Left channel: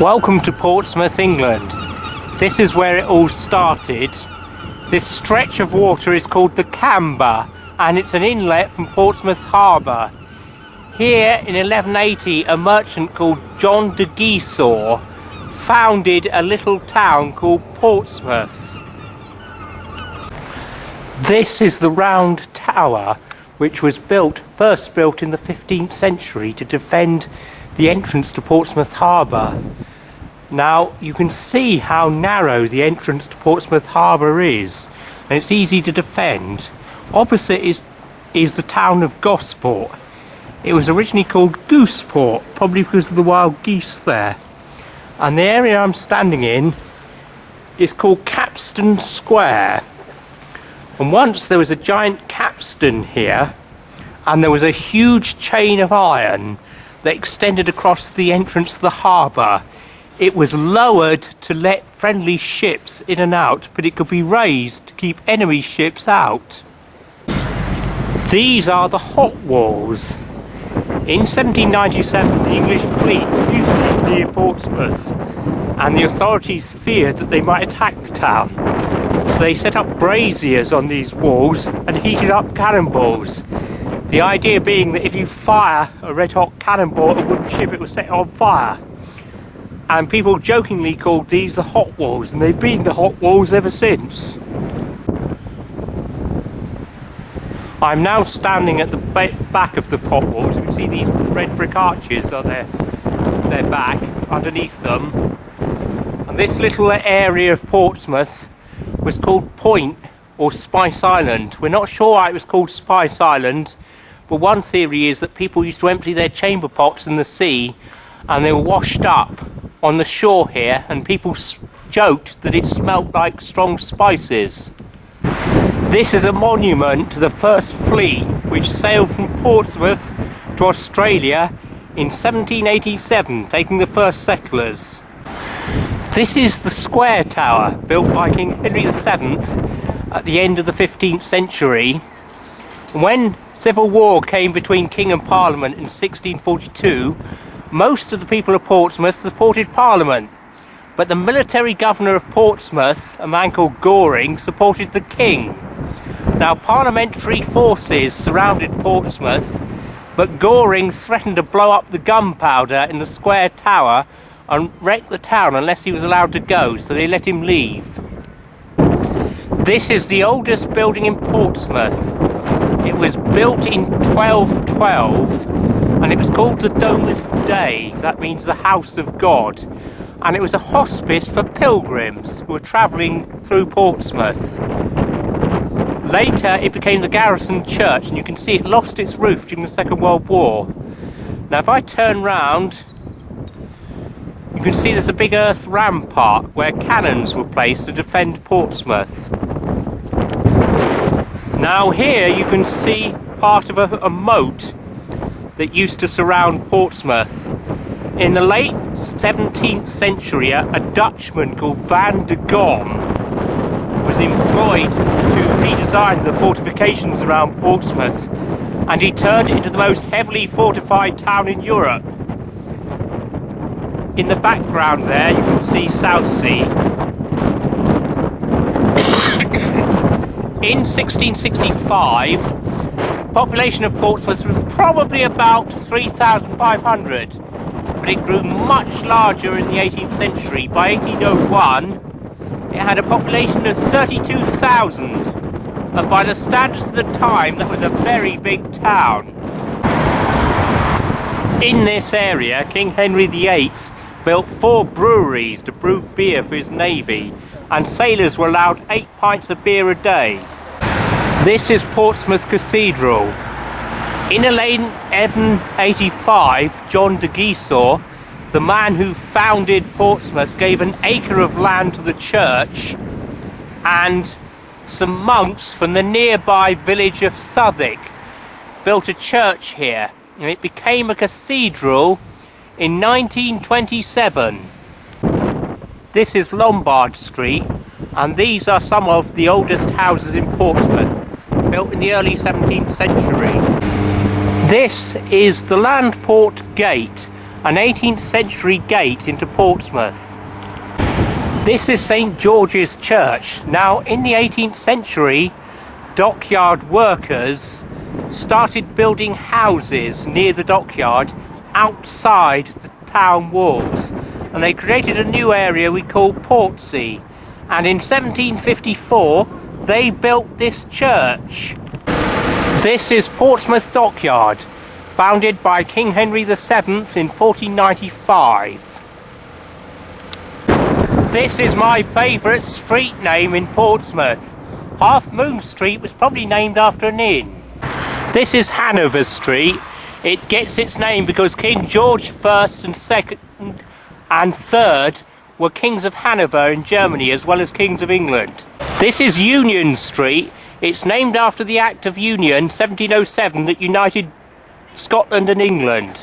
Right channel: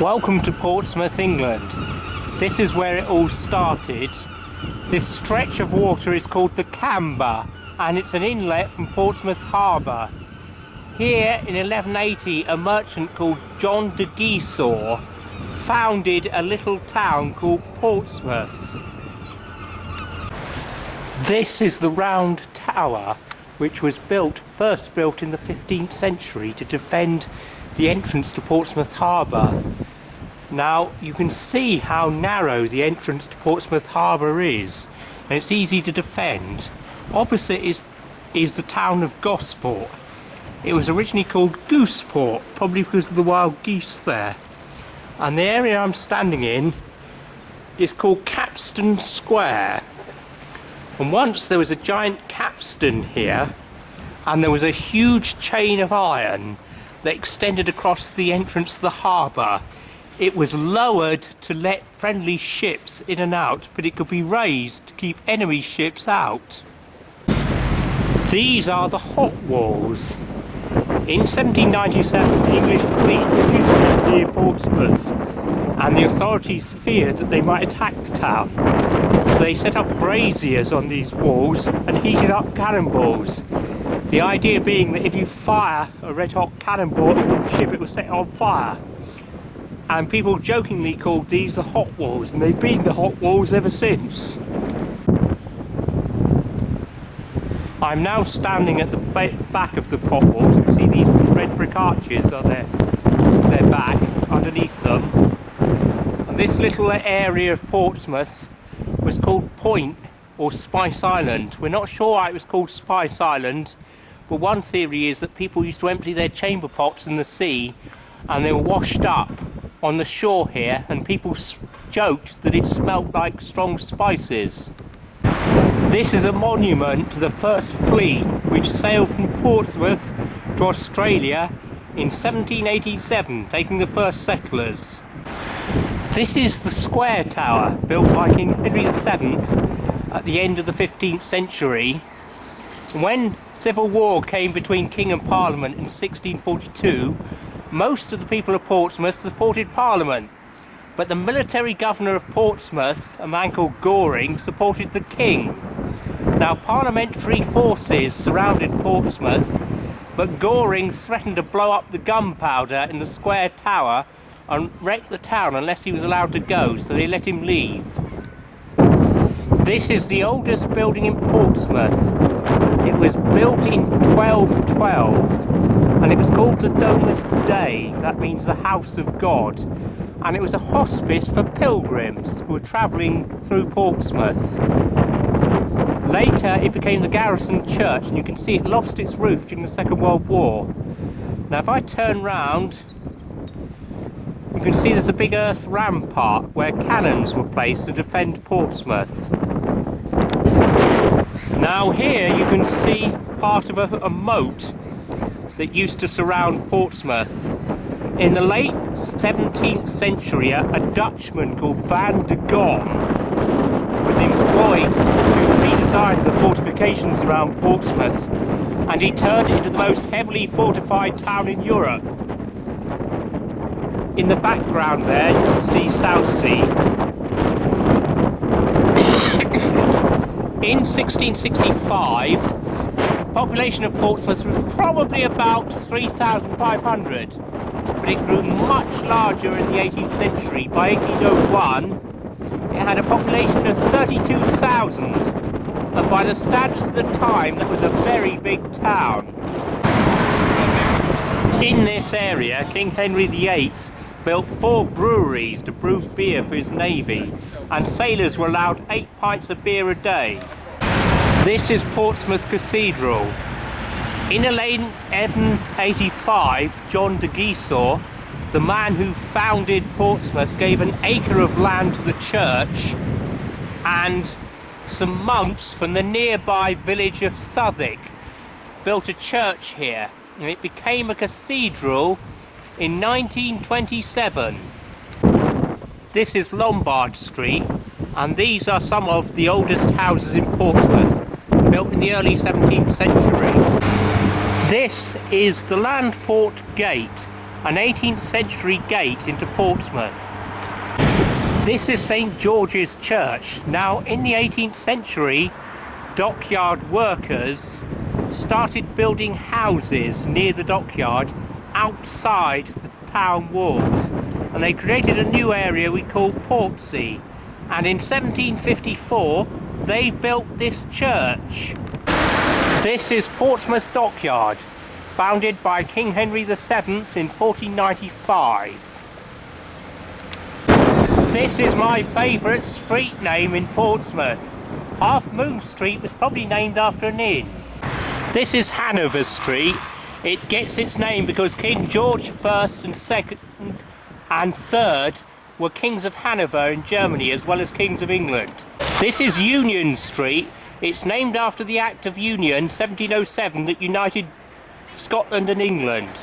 Welcome to Portsmouth, England. This is where it all started. This stretch of water is called the Camber, and it's an inlet from Portsmouth Harbour. Here in 1180, a merchant called John de Gisors founded a little town called Portsmouth. This is the round tower which was first built in the 15th century to defend the entrance to Portsmouth Harbour. Now you can see how narrow the entrance to Portsmouth Harbour is, and it's easy to defend. Opposite is the town of Gosport. It was originally called Gooseport, probably because of the wild geese there. And the area I'm standing in is called Capstan Square. And once there was a giant capstan here, and there was a huge chain of iron that extended across the entrance to the harbour. It was lowered to let friendly ships in and out, but it could be raised to keep enemy ships out. These are the hot walls. In 1797, the English fleet used to be near Portsmouth, and the authorities feared that they might attack the town. So they set up braziers on these walls and heated up cannonballs. The idea being that if you fire a red-hot cannonball at a wooden ship, it will set it on fire. And people jokingly called these the hot walls, and they've been the hot walls ever since. I'm now standing at the back of the hot walls. You can see these red brick arches are their back, underneath them. And this little area of Portsmouth was called Point or Spice Island. We're not sure why it was called Spice Island, but one theory is that people used to empty their chamber pots in the sea and they were washed up on the shore here, and people joked that it smelt like strong spices. This is a monument to the first fleet which sailed from Portsmouth to Australia in 1787, taking the first settlers. This is the square tower built by King Henry VII at the end of the 15th century. When civil war came between King and Parliament in 1642, most of the people of Portsmouth supported Parliament, but the military governor of Portsmouth, a man called Goring, supported the King. Now parliamentary forces surrounded Portsmouth, but Goring threatened to blow up the gunpowder in the square tower and wreck the town unless he was allowed to go, so they let him leave. This is the oldest building in Portsmouth. It was built in 1212, and it was called the Domus Dei. That means the House of God. And it was a hospice for pilgrims who were travelling through Portsmouth. Later it became the garrison church, and you can see it lost its roof during the Second World War. Now if I turn round, you can see there's a big earth rampart where cannons were placed to defend Portsmouth. Now here you can see part of a moat that used to surround Portsmouth. In the late 17th century, a Dutchman called Van de Gom was employed to redesign the fortifications around Portsmouth, and he turned it into the most heavily fortified town in Europe. In the background there you can see Southsea. In 1665, the population of Portsmouth was probably about 3,500, but it grew much larger in the 18th century. By 1801, it had a population of 32,000, and by the standards of the time, that was a very big town. In this area, King Henry VIII built 4 breweries to brew beer for his navy, and sailors were allowed 8 pints of beer a day. This is Portsmouth Cathedral. In 1185, John de Gisors, the man who founded Portsmouth, gave an acre of land to the church, and some monks from the nearby village of Southwick built a church here, and it became a cathedral in 1927. This is Lombard Street, and these are some of the oldest houses in Portsmouth, built in the early 17th century. This is the Landport Gate, an 18th century gate into Portsmouth. This is St George's Church. Now, in the 18th century, dockyard workers started building houses near the dockyard outside the town walls, and they created a new area we call Portsea. And in 1754 they built this church. This is Portsmouth Dockyard, founded by King Henry VII in 1495. This is my favourite street name in Portsmouth. Half Moon Street was probably named after an inn. This is Hanover Street. It gets its name because King George I and II and III were kings of Hanover in Germany as well as kings of England. This is Union Street. It's named after the Act of Union 1707 that united Scotland and England.